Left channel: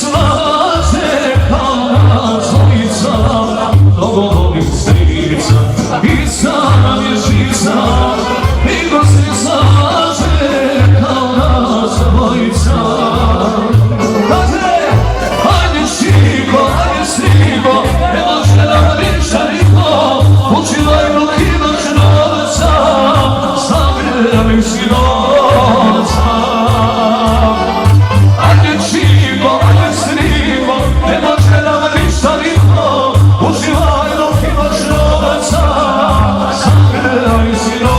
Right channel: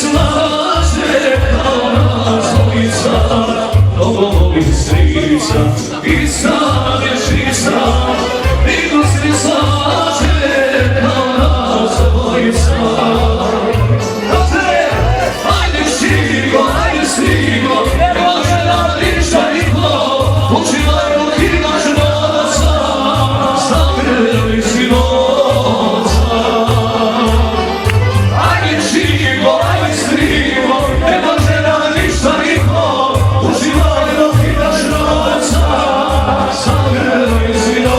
slaže kao zvojica, mnogo mi strica i sam je žica, niko se ne slaže kao zvojica. Hajde šigo, hajde stigo, ne može nam ništa niko, učivaj dok imaš novaca, zagrli si novaca. Hajde šigo, hajde stigo, ne može nam ništa niko, učivaj dok imaš novaca, zagrli si novaca.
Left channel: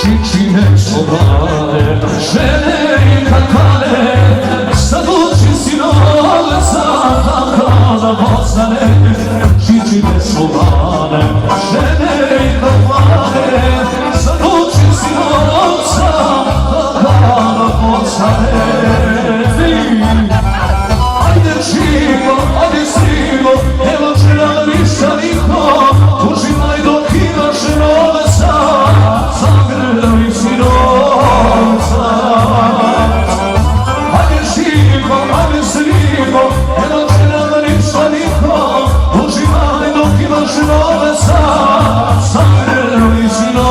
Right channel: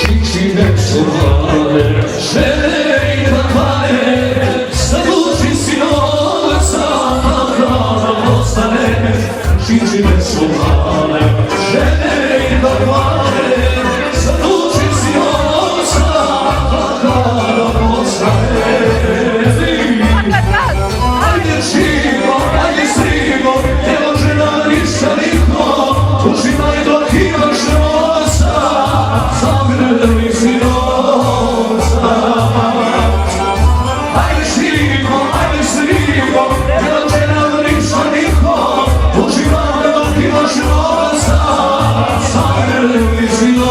Šičine čuvane, žene i kakane, zaduži si novca, da nam ostane. Šičine čuvane, žene i kakane, zaduži si novca, da nam ostane. Ajde živo, ajde srivo, ne može nam ništa niko, uživaj dok imaš novca, zagrli si novca. Ajde živo, ajde srivo, ne može nam ništa niko, uživaj dok imaš novca, zagrli si novca.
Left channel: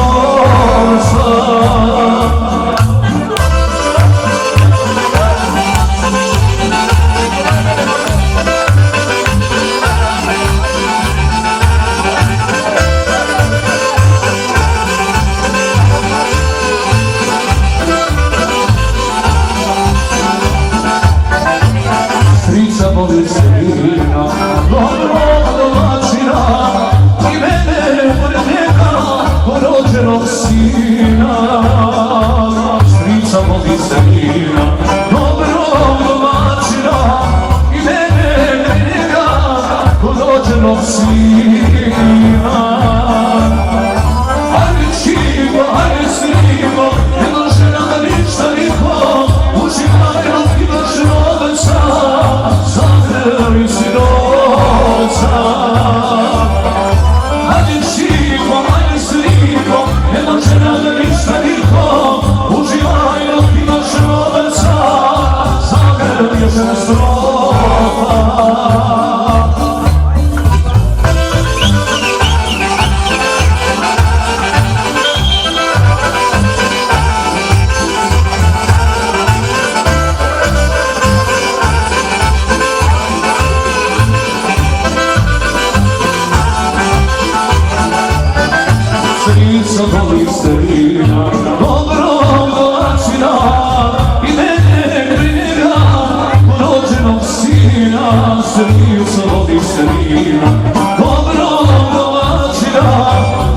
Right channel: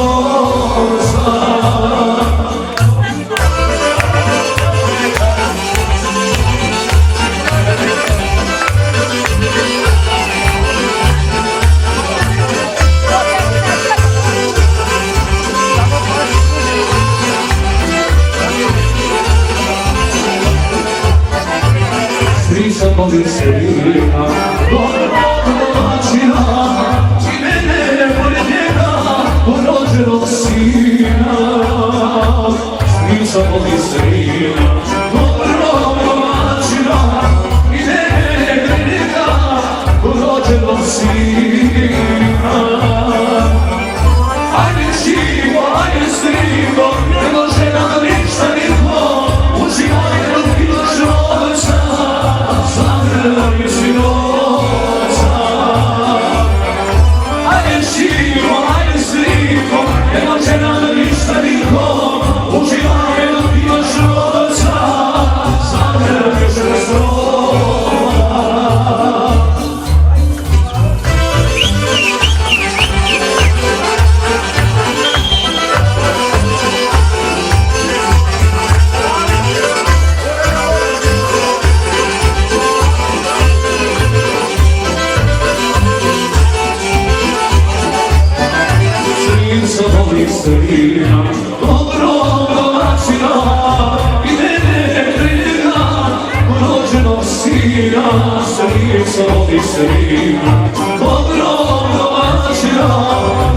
Strica voli Selina, dobro domaćina, i mene pored njega, porođenog sina. Strica voli Selina, dobro domaćina, i mene pored njega, porođenog sina. Hajde šigo, hajde skrivo, ne može nam ništa niko, uživaj dok imaš novaca, zagrli si novca. Hajde šigo, hajde skrivo, ne može nam ništa niko, uživaj dok imaš novaca, zagrli si novca. Strica voli Selina, dobro domaćina, i mene briga, porođenog sina. Strica voli Selina, dobro domaćina,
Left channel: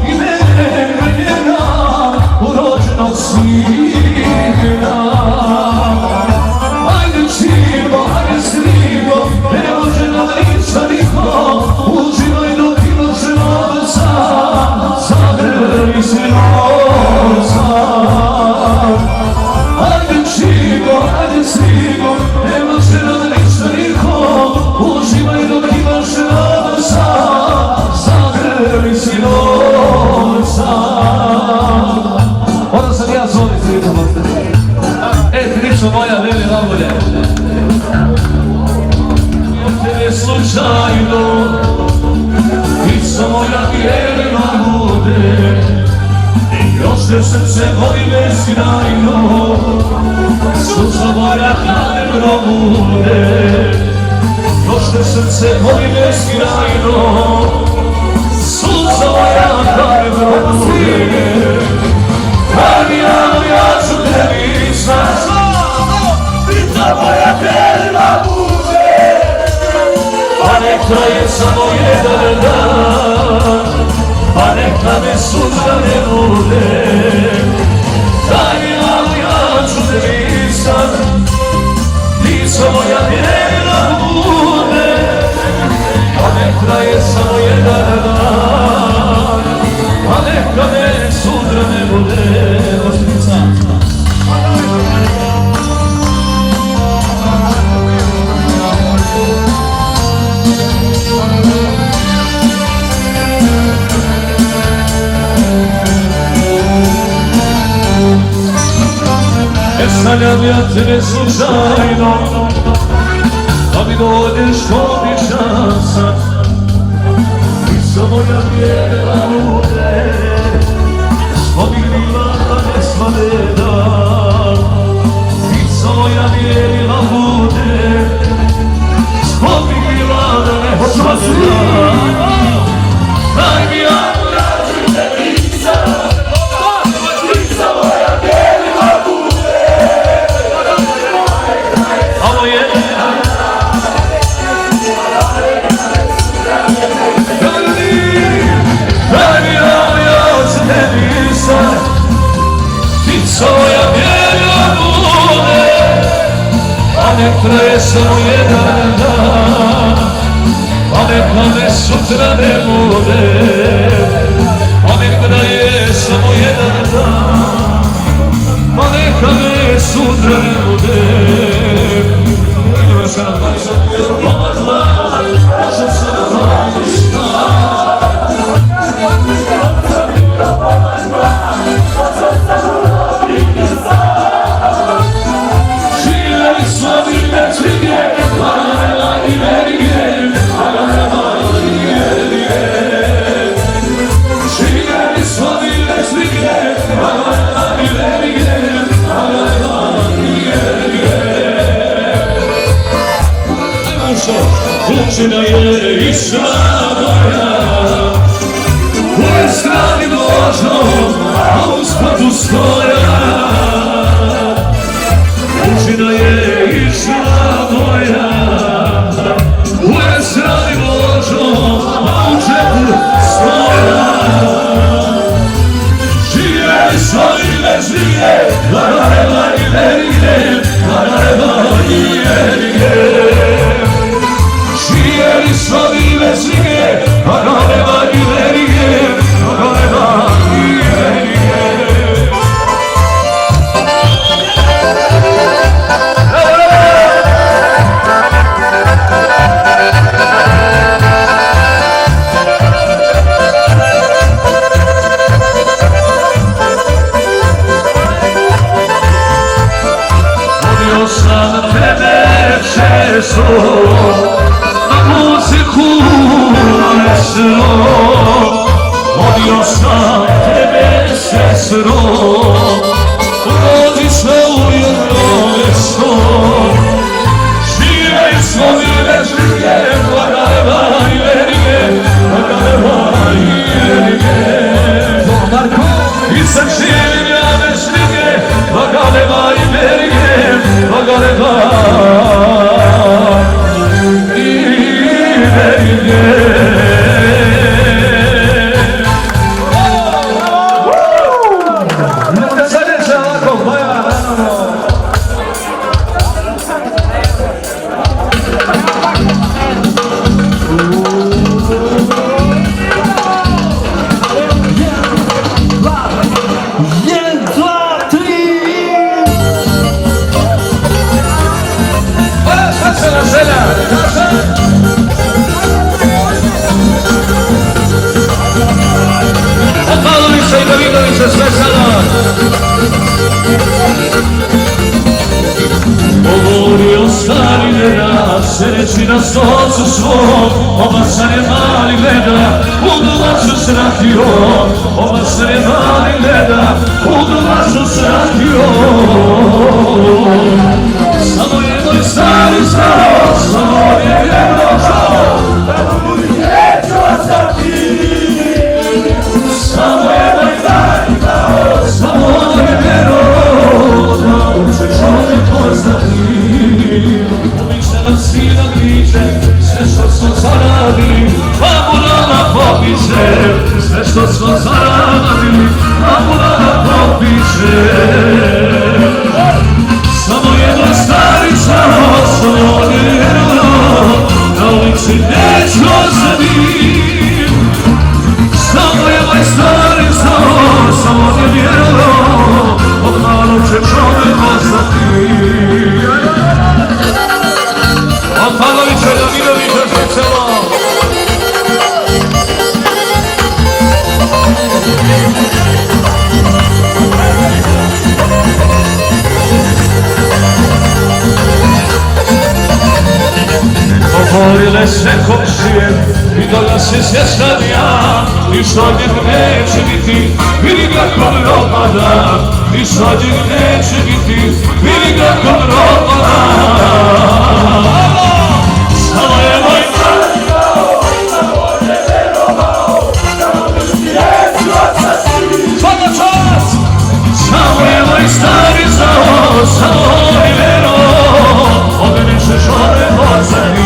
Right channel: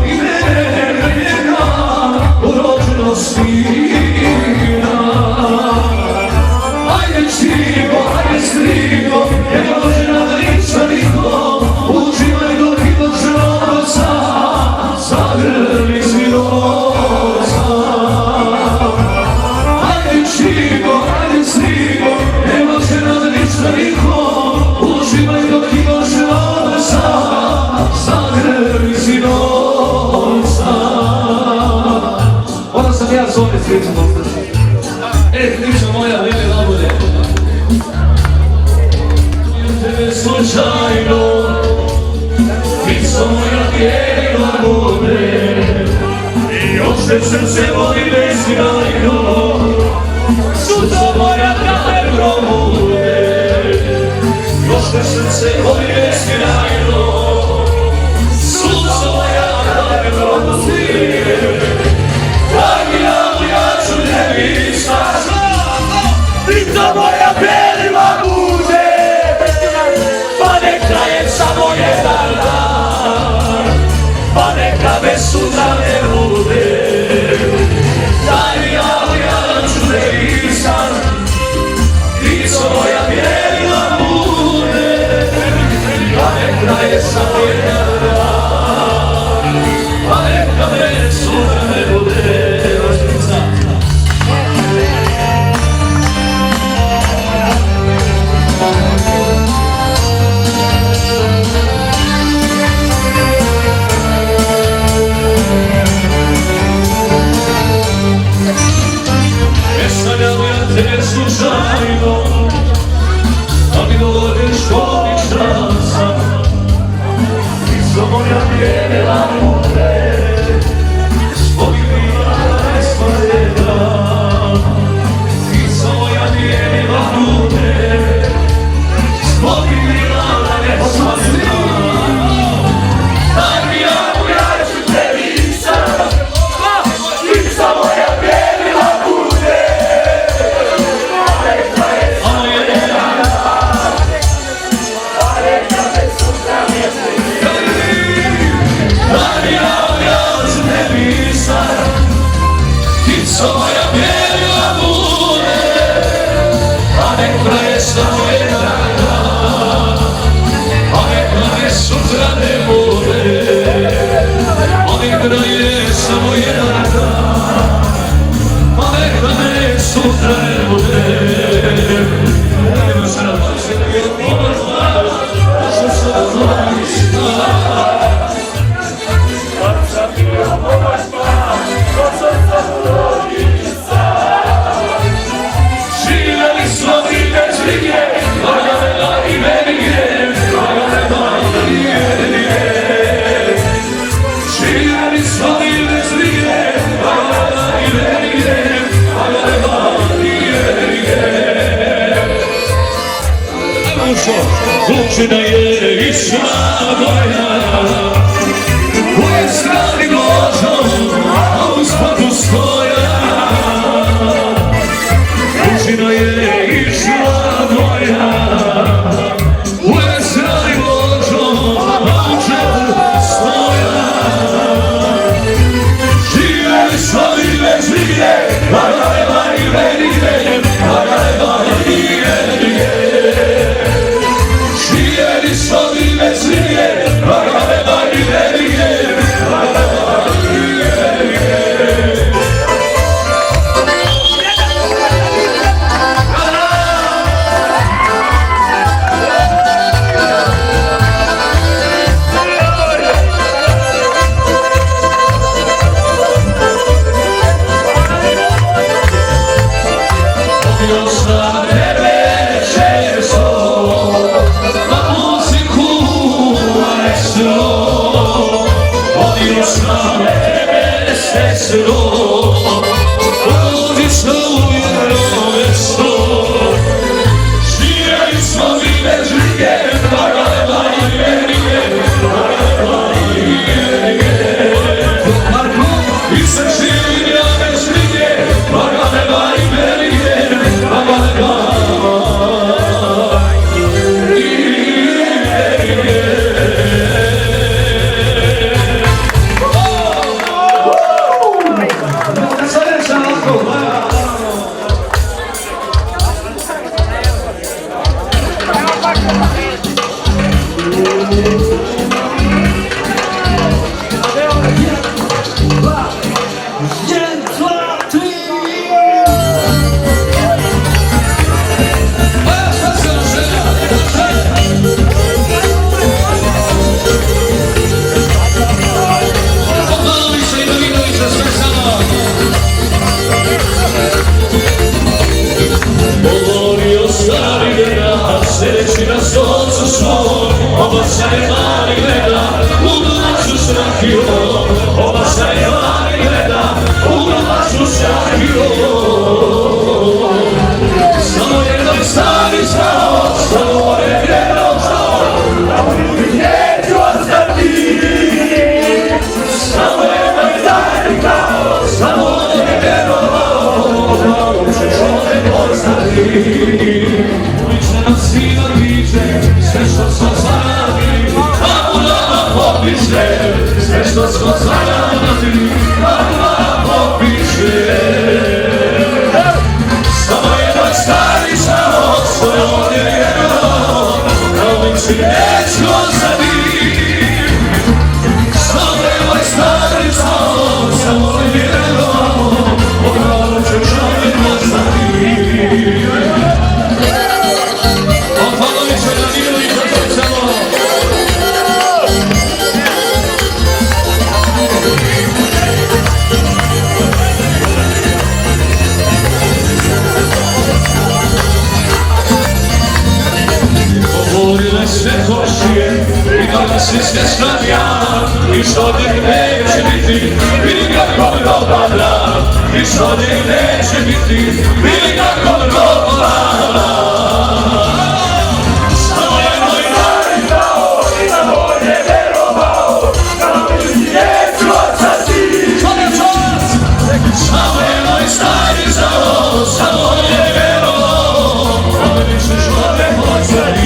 i mene briga, porođenog sina. Ajde čigo, ajde strigo, ne može nam ništa niko, uživaj dok imaš novca, zagrli si novca. Ajde čigo, ajde stigo, ne može nam ništa niko, uživaj dok imaš novca, zagrli si novca. Onda sam ja zove pričamo. Priča moja, veli nabolje. Tebe slučajno, pico moja tijelo bude, i još te srce voli nesjajno, suzo moja kraj probude. Još te srce voli nesjajno, suzo moja kraj probude. Dragina moja ću tebi snažno, pita moja belila bude, pa nek traje samo jedan dan, pa neka me sutra ne bude. Dragina moja ću tebi snažno, lico moja belila bude, pa nek traje samo jedan dan, pa neka me sutra ne bude. bude oštrica. Sanjam ja tebe slučajno, a mi dođeš običan sam. Ti su moja bijela lune, spominila ne svojeda. Ti su moja bijela lune, spominila ne svojeda. Daj mi jako, ja ću te lica, ti su moja bijela lune. Svoja bijela bude, a nek traje samo jedan dan, a nek me sutra ne bude, a nek traje samo jedan dan, a nek me sutra ne bude. Sam bio pomazla, sam samo ništa. Sam bio pomazla, sam samo živjeli smo mi bez brige, lagane i verige, lagane i verige. Živjeli smo mi bez brige, lagane i verige, lagane i verige. Mušo, kućina je išla moja, u ovoj strani Božom, a u spodu stoja. Kućina je išla moja, u esrani Božo, a u džepu stoja. Živjeli smo mi bez brige, lagane i verige, lagane i verige. Živjeli smo mi bez brige, lagane i verige, lagane i verige. Seći na soncu svom, ova se mali gleda, u domaću srakio. Ova se mali gleda, u domaću srakio. Samo jednoj stari znao, samo je vjerno žao, da mu ljudi neću ostati. Samo jednoj stari znao, samo je vjerno žao, da mu će čovjek ostati. Sina viče, sve što smo zaradili, a mu nama popiše. Sve što smo zaradili, a mu nama popiše. Samo jedan stari znao, samo je vjerno, da uvijek si neću ostati. Samo jedan stari znao, samo je vjerno. Poparile se košije i donosi se stadija i što njeg neće biti, vidi kakvog roba i što njeg neće biti, vidi kakvog roba. Samo je moj stari znao, ima bolje verovao, kao mi je života si. Svaka čast! Samo je moj stari znao, samo je verovao, ove ćeš ove pozadi.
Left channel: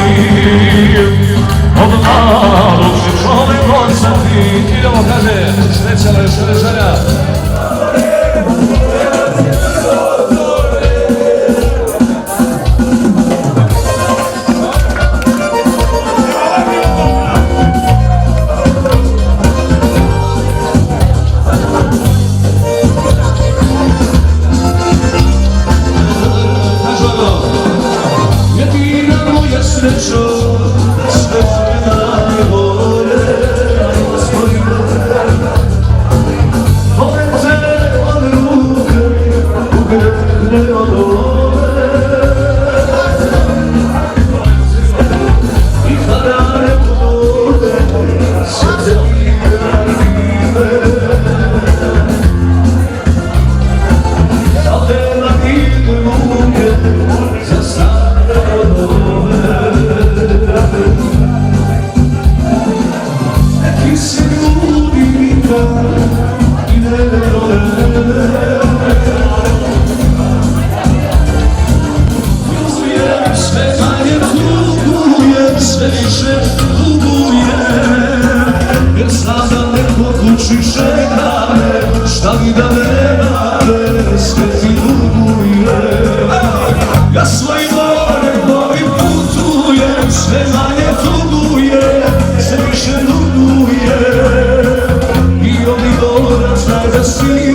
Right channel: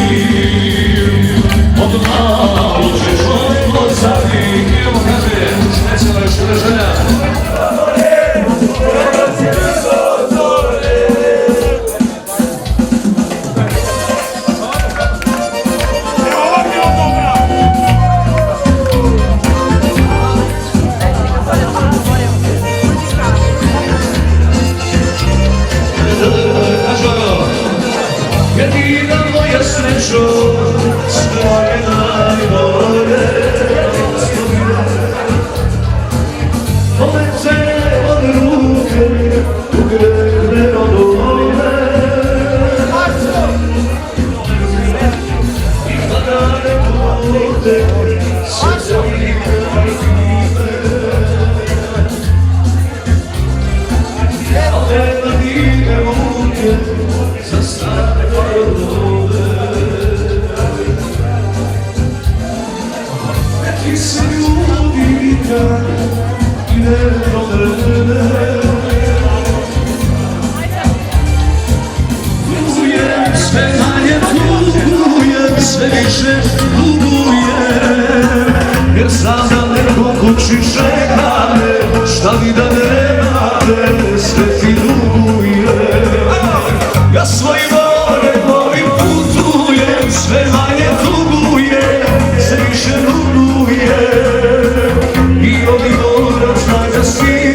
Jedina moja srećo, sve je najbolje. Ove te ruke, ugledne odole, i harane vode, sve ime. A nema divne ruke, za stare odole. Neki se ljubi nikad i ne vole. Tugujem sve manje, tugujem sve više, tugujem, jer znam da neko kući čeka me, šta mi da nemate, sve ti dugujem. Ja svojim morem ovim putujem, sve manje tugujem, sve više tugujem, i oni moram znak da svi